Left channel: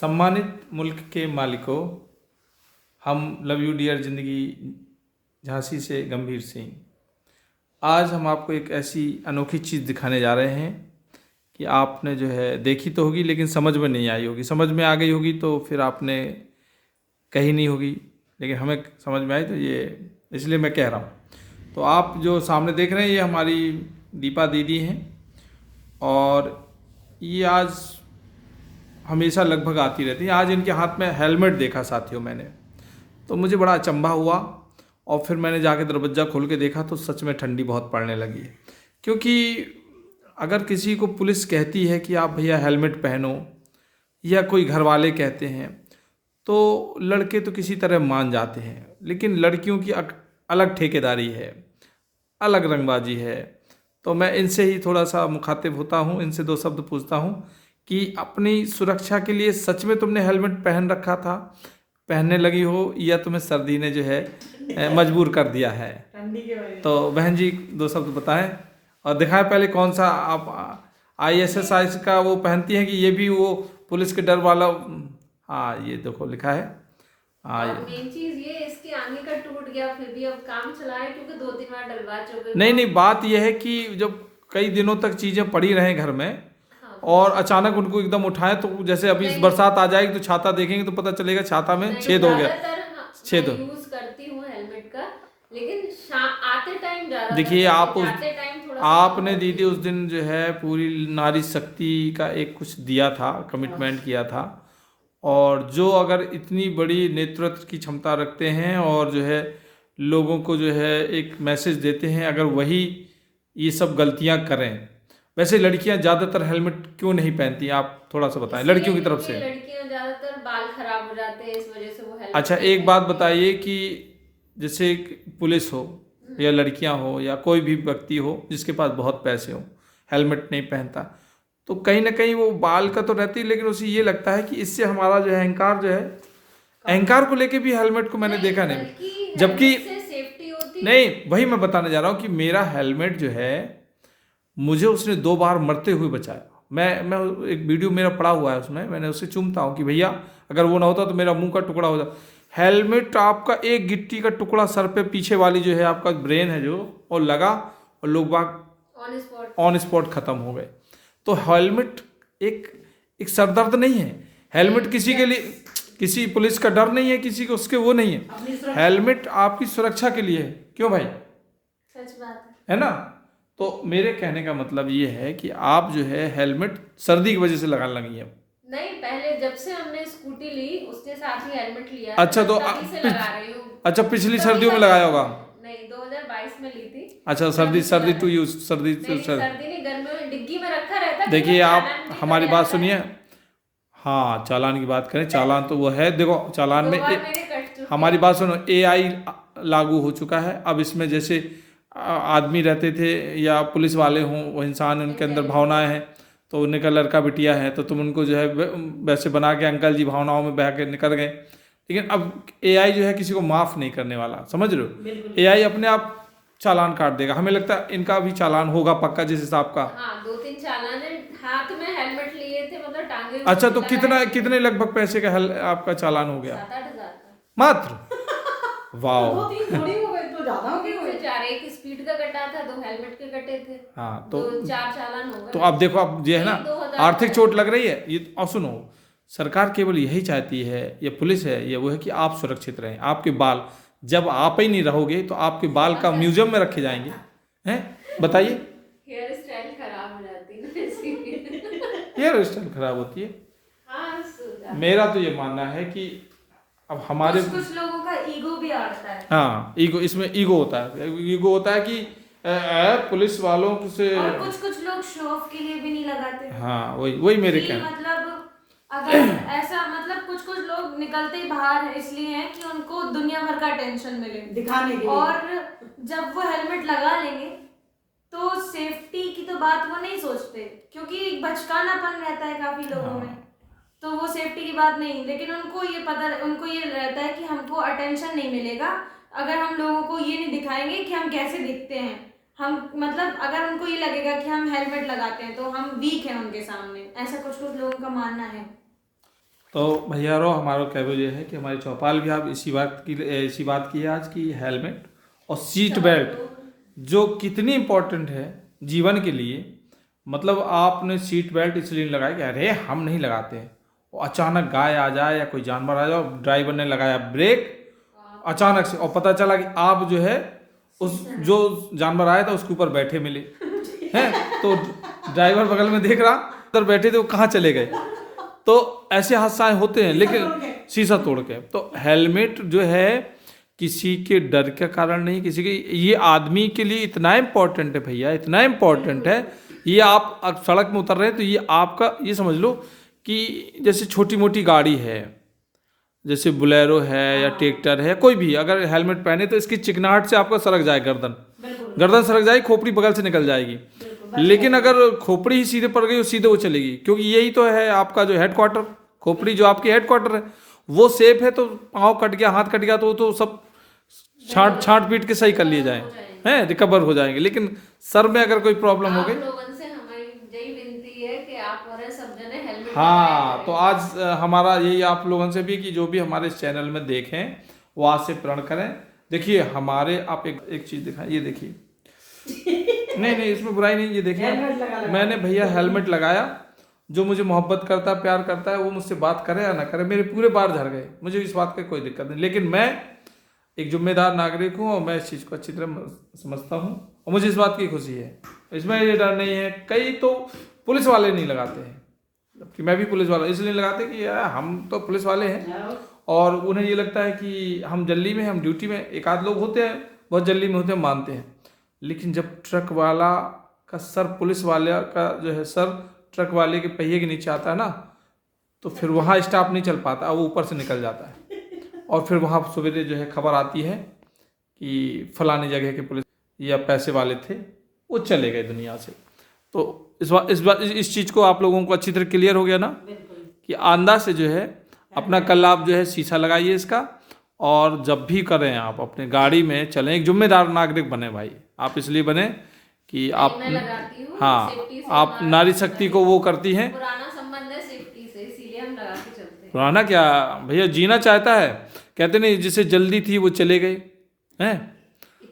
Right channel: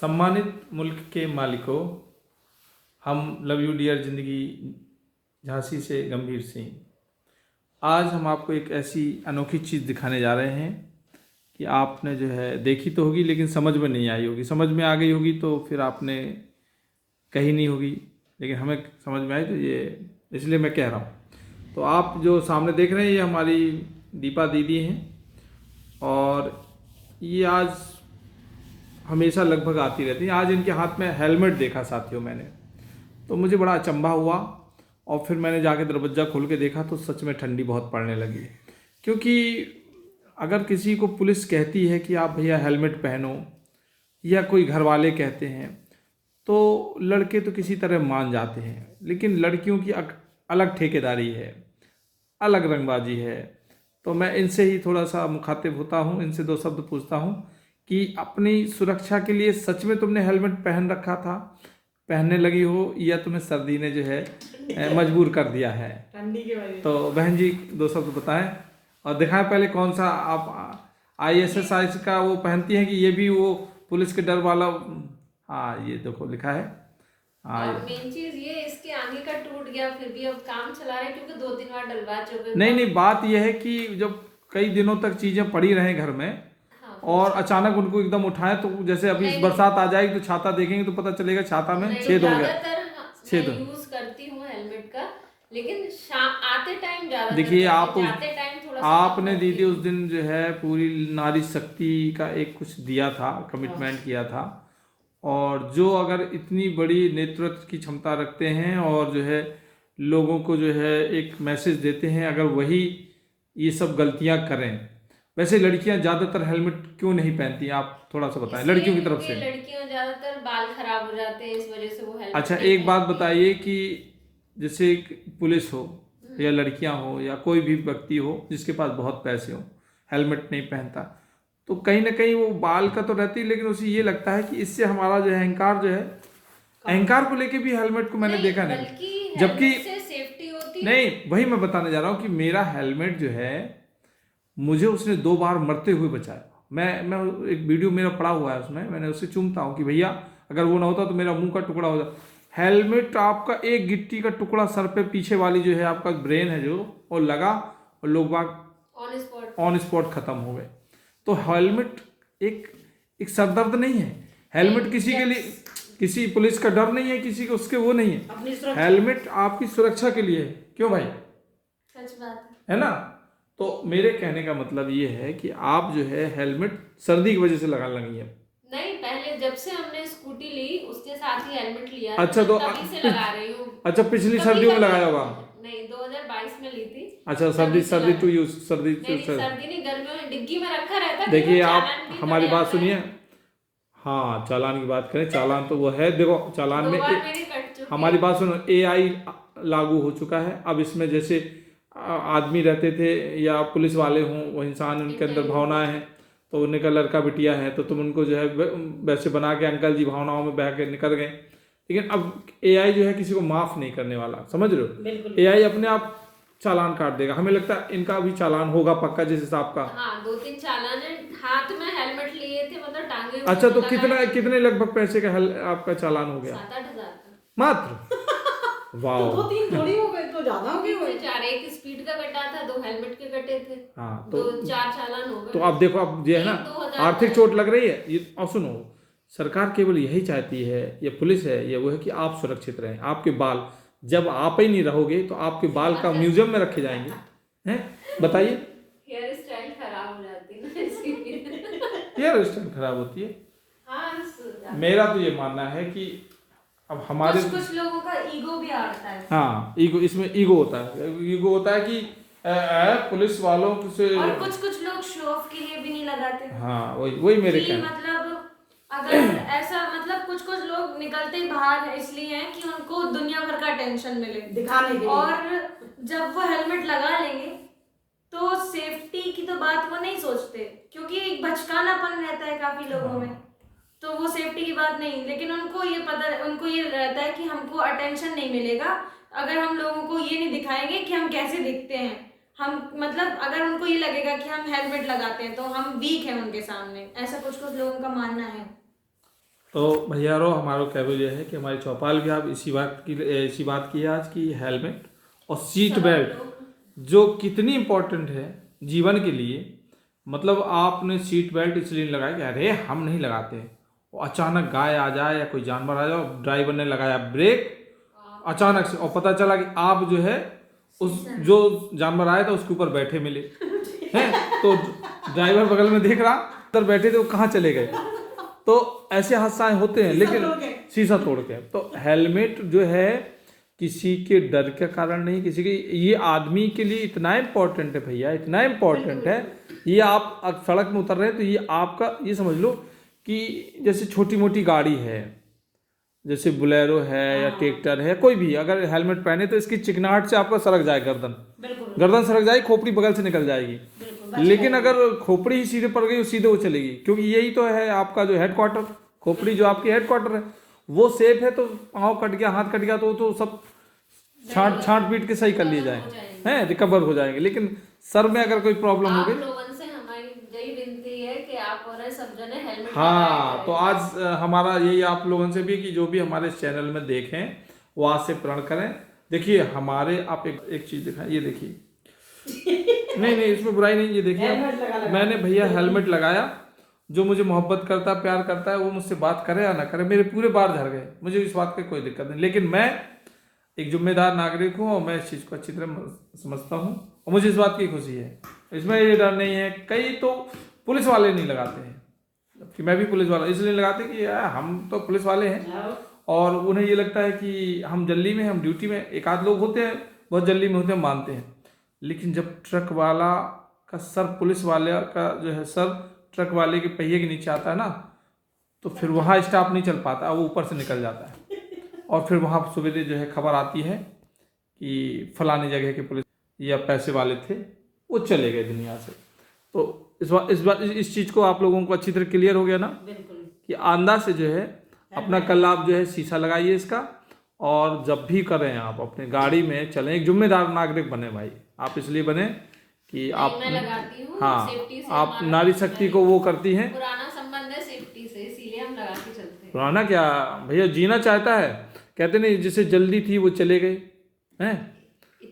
सम्मानित मुल्क के मालिकों, हम लव यू डियर ज़िंदगी झांसी से गंभीर सिंह। आज हम आपको एक ऐसी अनोखी चीज़ दिखाने जा रहे हैं कि आपने जो है देखी तो होगी लेकिन समझ में नहीं आई होगी। समझ में आ गई होगी तो फिर आपने कही नहीं होगी, लेकिन हमें समझ में आई तो ये इसलिए मैं कह रहा हूँ। तो आप जो सामने देख रहे हैं ये हमारी दीपा दीदी हैं और ये आज हमेशा लगभग आती रहती है। आज इनके हाथ में हेलमेट देखा साथियों मैंने, तो मुझे बड़ा अचंभा हुआ और फिर मैंने जाके दरवाज़ा खोल के देखा तो सच में ठंडी बहुत पड़ने लगी। क्योंकि अगर किसी को पुलिस कहती है कि आप भैया हेलमेट पहनो या कोई घर वाले कहते हैं तो लड़के तो किसी तरह मान जाते हैं, लेकिन लड़कियों की अलग ठेकेदारी है, अलग रंगबाजी है। तो मैं इनसे ही थोड़ा सा मुखातिब होता हूँ, इनसे दो शब्द पूछता हूँ कि अपनी सुरक्षा के लिए सच में तुमने हेलमेट पहन रखा था, पहनने लगी हो, या तुम्हें सर्दी ने जो है मजबूर कर दिया है ठंडी के वजह। तो बहन जी दो शब्द बताएं और दिखाएं पहले कौन सा आप ISSI का वो पहनती हैं कि ये भी वो पुलिस के डर वाला। हाँ ये देखो लिखा है। और मेन चीज ये इसके आगे का टूट गया, फिर भी अब काम चला रहे हैं क्योंकि 2-3 बार डलवा चुके। नहीं, बात यह है कि जब कई दिनों तक चीज़ें पड़ी रहें घर में, हाँ, और अचानक उनको एकदम उठाएं तो जैसे अभी बरसात आ जाएगी तो छाता देखेंगे तो पता चलेगा छाता में छेद हो गया। छेद यूज करती हूँ हेलमेट का, लेकिन आते टाइम ज्यादा देखिए आपने दीदी उस दिन जो है पूरी नारी शक्ति का एक कुछ दिया था, कमिटमेंट किया था। और जो अगर इतनी बड़ी नेतृत्व की क्षमता रखते हैं और जो है लोगों को जो है एक मैसेज देते हैं, अगर वही ये सब गलतियां करें। वैसे लड़कियां ज़्यादातर हेलमेट क्यों नहीं पहनती, आप थोड़ा सा बताएं लड़कियों की तरफ से। लड़कियां ज़्यादातर बाल खराब हो जाते हैं, इस वजह से वो हेलमेट। अच्छा एक बात बताइए कि जैसे पुलिस हो या लड़कियां हो या कोई भी व्यक्ति हो जिसके पास बहुत पैसे हो, हेलमेट नहीं पहनता तो कहीं ना कहीं वो बाल का तो रहती है, लेकिन उसे ये लगता है कि इससे हमारा जो है अहंकार जो है, अहंकार को लेके भी हेलमेट को मैंने देखा नहीं, जबकि सेफ्टी होती नहीं। वही मैं बताने जा रहा हूँ कि मेरा हेलमेट जो है मुझे उसने 2 बार मरते हुए बचाया। मैं एक वीडियो मेरा पड़ा हुआ है, उसमें मैंने उसे चूमता हूँ कि भैया अगर वो ना होता तो मेरा मुंह का टुकड़ा हो जाता। हेलमेट आपका एक गिट्टी का टुकड़ा सर पे पीछे वाली जो है आपका ब्रेन है जो, और लगा और लोग बाग ऑन स्पॉट खत्म हो गए। तो हेलमेट एक सरदर्द नहीं है। हेलमेट किसी के लिए, किसी पुलिस का डर नहीं है, किसी को उसके वो नहीं है। हेलमेट आपकी सुरक्षा के लिए है। क्यों भाई? सच बात है ना? तो मेरे कहने का मतलब ये है कि आप जो है हेलमेट सर्दी की वजह से लगाने लगी है। नहीं, पहले जब से हमने स्कूटी ली उसके साथ ही हेलमेट लिया। अच्छा तो तभी से लगा रही हूँ। अच्छा पिछली सर्दियों में लगाया होगा? नहीं 2022 में ली थी। अच्छा सर्दी टू यूज सर्दी नहीं गर्मियों में डिग्गी में रखा रहता। देखिए आप हमारी बात सुनिए। हाँ चालान की बात करें, चालान तो वो है, देखो चालान में हमारी बात सुनो, AI लागू हो चुका है। अब इसमें जैसे आदमी रहते थे या पुलिस वाले हों, वो इंसान, उनके अंदर भावनाएं हैं, तो उनका लड़का बिटिया है तो तुम उनको जो है वैसे बना के अंकल जी भावनाओं में बह के निकल गए। लेकिन अब AI जो है किसी को माफ़ नहीं करने वाला, समझ रहे हो? AI अपने आप चालान काट देगा। हमें लगता है इनका भी चालान होगा पक्का जिस हिसाब का। हाँ 2-3 चालान है। हाथ में हेलमेट लिए थे, मतलब टांगे। अच्छा तो कितने लगभग पैसे का आपका चालान हो गया? 7-8 हज़ार का मात्र। वाह, तो 2-3 थोड़ी हो गए, तो ज्यादा हो गए। 4 एक स्पीड का कटा था, 2 हेलमेट के कटे थे। हाँ तो 4 चालान हो गए। तो अब देखो, अब ये है ना आर्थिक चोट लग रही है ये। और सुनो, सरकार केवल यही चाहती है, ये पुलिस है, ये वो है कि आप सुरक्षित रहें। आपके बाल, जब आप ही नहीं रहोगे तो आपके बाल का म्यूजियम में रखे जाएंगे। हैं बताइए? हेयर स्टाइल खराब हो जाती है ना इसलिए। हेयर स्टाइल खराब होती है? हाँ मेरा तो ये मानना है कि अब हमारे कुछ लोगों का ईगो भी आता है। हाँ ईगो, इसमें ईगो होता है। ईगो होता है कि पुलिस वालों से, और कुछ लोग शो ऑफ के लिए भी नहीं लगाते। हाँ वही मेरे कहने। मतलब अगर ऐसा, मतलब कुछ लोग निकलते ही बाहर इसलिए हैं कि उनको दुनिया भर का टेंशन मिले दिखाने के लिए। और जब वो हेलमेट लगा लेंगे तो सेफ्टी की तो बात वो नहीं सोचते, क्योंकि एक बचकानापन रहता है काफी लोगों में, तो वो सेफ्टी की बात नहीं। लेकिन उनको ये रहता है कि हमको अटेंशन नहीं मिलेगा अगर हम लोगों को ये नहीं दिखाएंगे कि हम कैसे दिखते हैं। हम मतलब अगर उनको ये लगेगा कि हम हेलमेट लगाते हैं तो हम वीक हैं उनके सामने, ऐसा कुछ लोगों का मानना है। तो भैयारो हमारा कहना ये है कि हमारी चौपाल भी आप इसी बात की है आज की हेलमेट और सीट बेल्ट जो कितनी इम्पोर्टेंट है जीवन के लिए। मतलब आपने सीट बेल्ट इसलिए नहीं लगाया कि अरे हम नहीं लगाते हैं, वो अचानक गाय आ जाए या कोई जानवर आ जाए, ड्राइवर ने लगाया ब्रेक अचानक से और पता चला कि आप जो है उस जो जानवर आया था उसके ऊपर बैठे मिले हैं, तो ड्राइवर बगल में देख रहा उधर बैठे थे वो कहाँ चले गए। तो ऐसे हादसे होते हैं, लेकिन शीशा तोड़ के। तो हेलमेट जो है किसी के डर के कारण नहीं, किसी के, ये आदमी के लिए इतना इम्पोर्टेंट है भैया, इतना इम्पोर्टेंट है। ये आप सड़क में उतर रहे हैं तो ये आपका, ये समझ लो कि जैसे छोटी मोटी गाड़ी है, जैसे बुलेरो है या ट्रैक्टर है, कोई भी अगर हेलमेट पहने तो इसकी चिकनाहट से आपका सरक जाए गर्दन सरक जाएगी, खोपड़ी बगल से निकल जाएगी। लेकिन अगर खोपड़ी ही सीधे पड़ गई सीधे वो चलेगी, क्योंकि यही तो है आपका जो हेडक्वार्टर, खोपड़ी जो आपकी हेडक्वार्टर है वो सेफ है। तो पाँव कट गया, हाथ कट गया तो सब छांट पीट के सही कर लिए जाए हैं, रिकवर हो जाएंगे। लेकिन सर में अगर कोई प्रॉब्लम हो गई, हाँ, तो आज हमारा यही आप लोगों से भी कि जो भी हमारे इस चैनल में देखें वो आज से प्रण करें। देखिए हमारे, आप एक चीज़ दिखाएं, ये देखिए नहीं इसमें बुराई नहीं, ये देखिए मैंने भैया हेलमेट लगाया। जो मुझे मोहब्बत करता है, प्यार करता है, वो मुझसे बात करे या ना करे, मेरे पूरे बाल झड़ गए, मुझे इस बात की कोई दिक्कत नहीं। लेकिन मैं एक जिम्मेदार नागरिक हूँ और मैं इस चीज़ को अच्छी तरह समझता हूँ और मुझे इस बात की खुशी है, इसमें ये डर नहीं है। कई तो पुलिस वाले नहीं लगाते हैं, जबकि मैं भी पुलिस वाला इसलिए लगाते कि यार हम तो पुलिस वाले हैं और उन्हें ये लगता है कि हम जल्दी में, हम ड्यूटी में। एक आध लोग होते हैं बहुत जल्दी में होते हैं, मानते हैं। लेकिन जब ट्रक वाला का सर, पुलिस वाले का जो है सर ट्रक वाले के पहिए के नीचे आता है ना, तो फिर वहाँ स्टाफ नहीं चल पाता, वो ऊपर से निकल जाता है और फिर वहाँ सवेरे जो है खबर आती है कि फलानी जगह के पुलिस या पैसे वाले थे वो चले गए दुनिया से। तो इस चीज़ को आप लोगों को अच्छी तरह क्लियर हो गया ना कि आंदा से जो है अपना कल आप जो है शीशा लगाइए इसका, और जब भी करें आप अपने गाड़ी में चलें, एक जिम्मेदार नागरिक बने भाई। आप इसलिए बने कि आप, हाँ, आप नारी शक्ति को वो करती हैं। पुराना संबंध है सेफ्टी से, इसीलिए हम लगा के चलते हैं। पुराना क्या भैया, जीना चाहता है, कहते नहीं जिसे जल्दी थी वो चले गए हैं,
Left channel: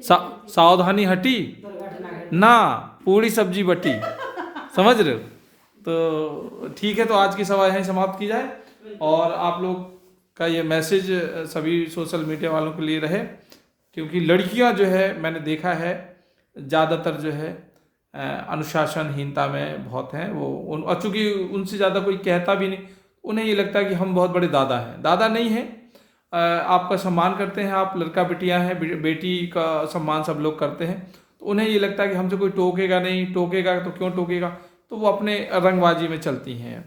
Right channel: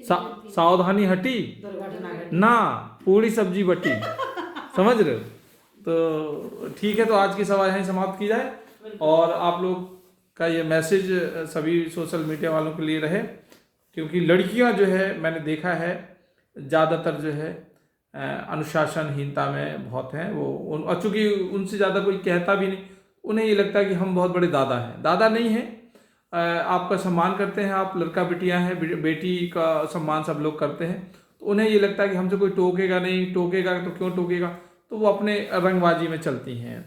सावधानी हटी ना पूरी सब्जी बटी समझ रहे हो। तो ठीक है, तो आज की सभा यहीं समाप्त की जाए और आप लोग का ये मैसेज सभी सोशल मीडिया वालों के लिए रहे, क्योंकि लड़कियां जो है मैंने देखा है ज़्यादातर जो है अनुशासनहीनता में बहुत हैं। वो चूँकि उनसे ज़्यादा कोई कहता भी नहीं, उन्हें ये लगता है कि हम बहुत बड़े दादा हैं। दादा नहीं हैं, आपका सम्मान करते हैं, आप लड़का बेटियां हैं, बेटी का सम्मान सब लोग करते हैं। तो उन्हें ये लगता है कि हमसे कोई टोकेगा नहीं, टोकेगा तो क्यों टोकेगा, तो वो अपने रंगबाजी में चलती हैं।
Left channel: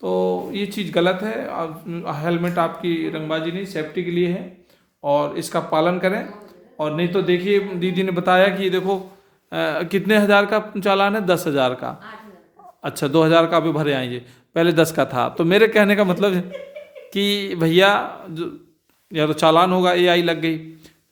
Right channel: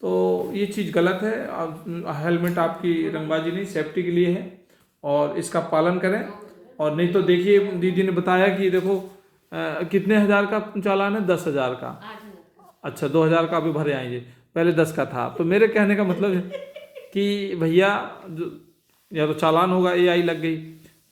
तो ये चीज़ गलत है। हेलमेट आपकी रंगबाजी नहीं, सेफ्टी के लिए है और इसका पालन करें। और नहीं तो देखिए दीदी ने बताया कि देखो कितने हज़ार का चालान है, 10,000 का, अच्छा 2,000 का भी भरे आएंगे, पहले 10 का था। तो मेरे कहने का मतलब है कि भैया या तो चालान होगा, AI लग गई,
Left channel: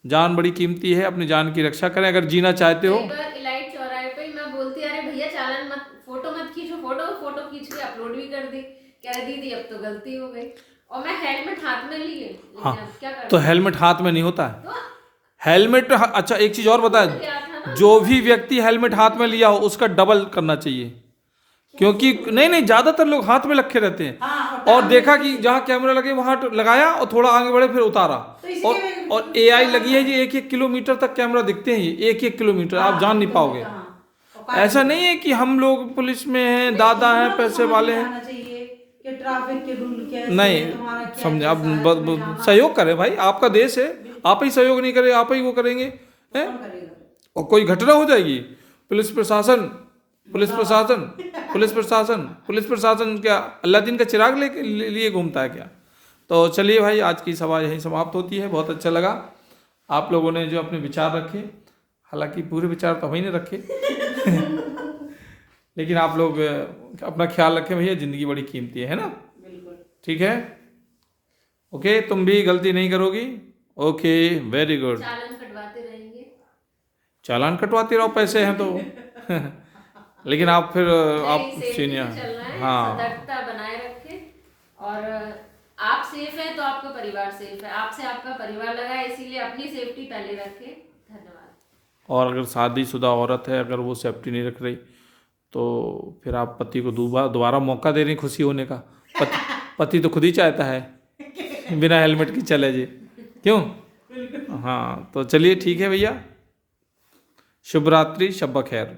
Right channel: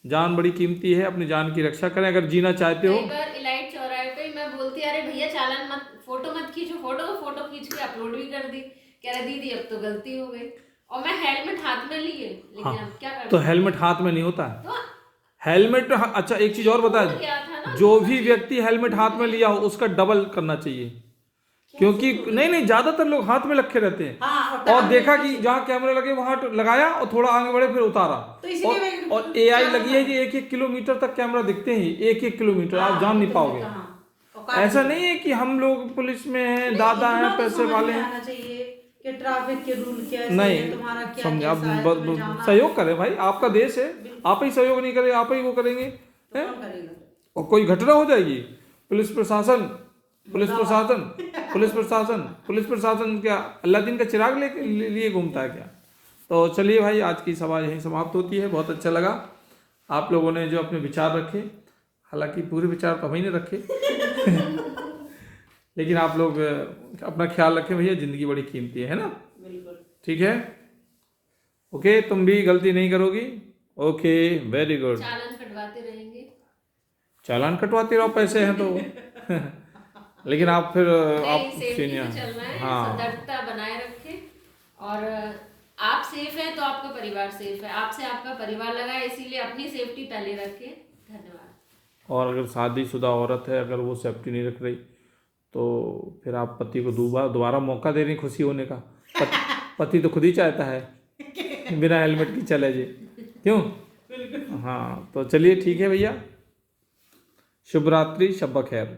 जान बड़ी कीमती है, अपनी जान की रक्षा करें अगर जीना चाहते हो। इलाइट चौराहे पे मैं बोलती अरे भैया चालान मत, फोटो मत खींचो, फोटो खींच के अपलोड भी कर दी, कह रहे दीदी अब तो गलती हो गई, और मैं हेलमेट हाथ में लिए, लेकिन हाँ, अब क्या करें। तो हेलमेट हाथ में नहीं होता है तो हेलमेट। अच्छा एक चीज और बताया, जो भी व्यक्ति हेलमेट हाथ में लिया हो उसका डबल करना चाहिए, क्योंकि नहीं ज्यादातर लोग हाथ में रखे रहते हैं। हाँ, और देखा कि जहाँ कैमरा लगे वहां लगाया और थोड़ा आगे बढ़े फिर उतारा, और AI लगी है जी 1-1 किलोमीटर तक कैमरा दिखते हैं, 1-1 किलोमीटर आप जान नहीं पाओगे। ऐसा नहीं है कि हम लोग पुलिस में हैं, दादा हैं, पैसे वाले हैं, कि ट्रैफिक के रूल कैसे नहीं तुम्हारा क्या समझे। आप सहयोग करें भाई, आपका देश है, आप ही सहयोग नहीं करें, आप ही वो करेंगे तो और कोई घटना हो जाएगी, पुलिस प्रशासन क्या अल्लाह दिन का चिराग लिए घूमता है क्या। तो चलिए भाई, आज की सभा यहीं समाप्त होती है। बहुत अच्छा लगा आप लोगों ने जो अपने विचार रखे, हालांकि पूरे विचार तो हमें नहीं रखे लेकिन आप लोग अपना ख्याल रखें भैया, ज़िंदगी बड़ी कीमती है ना। बिल्कुल ठीक है, ओके, तुम भी गलती नहीं करोगी। Okay, very good. चालान कटवाते रहेंगे, चालान कटवाते रहो, पैसे हैं तो लेकिन आप फिर आप सीनियर, हाँ, सतर्कता बनाए रखें और आप सेफ है तो आपका परिवार सेफ है, आपसे आपका परिवार लगा है, इसीलिए अपनी सेफ्टी पहले रखें। धन्यवाद। और अगर शादीशुदा औरत है, अगर वो सेफ्टी नहीं रख रही तो फिर आप पति को दोबारा मौका दे रही खुशी होने का। पति तो खुद ही चाहता है बिना हेलमेट के चले जे, क्यों? हाँ, तो चलिए ठीक है भैया, शुभ रात्रि, शब खैर।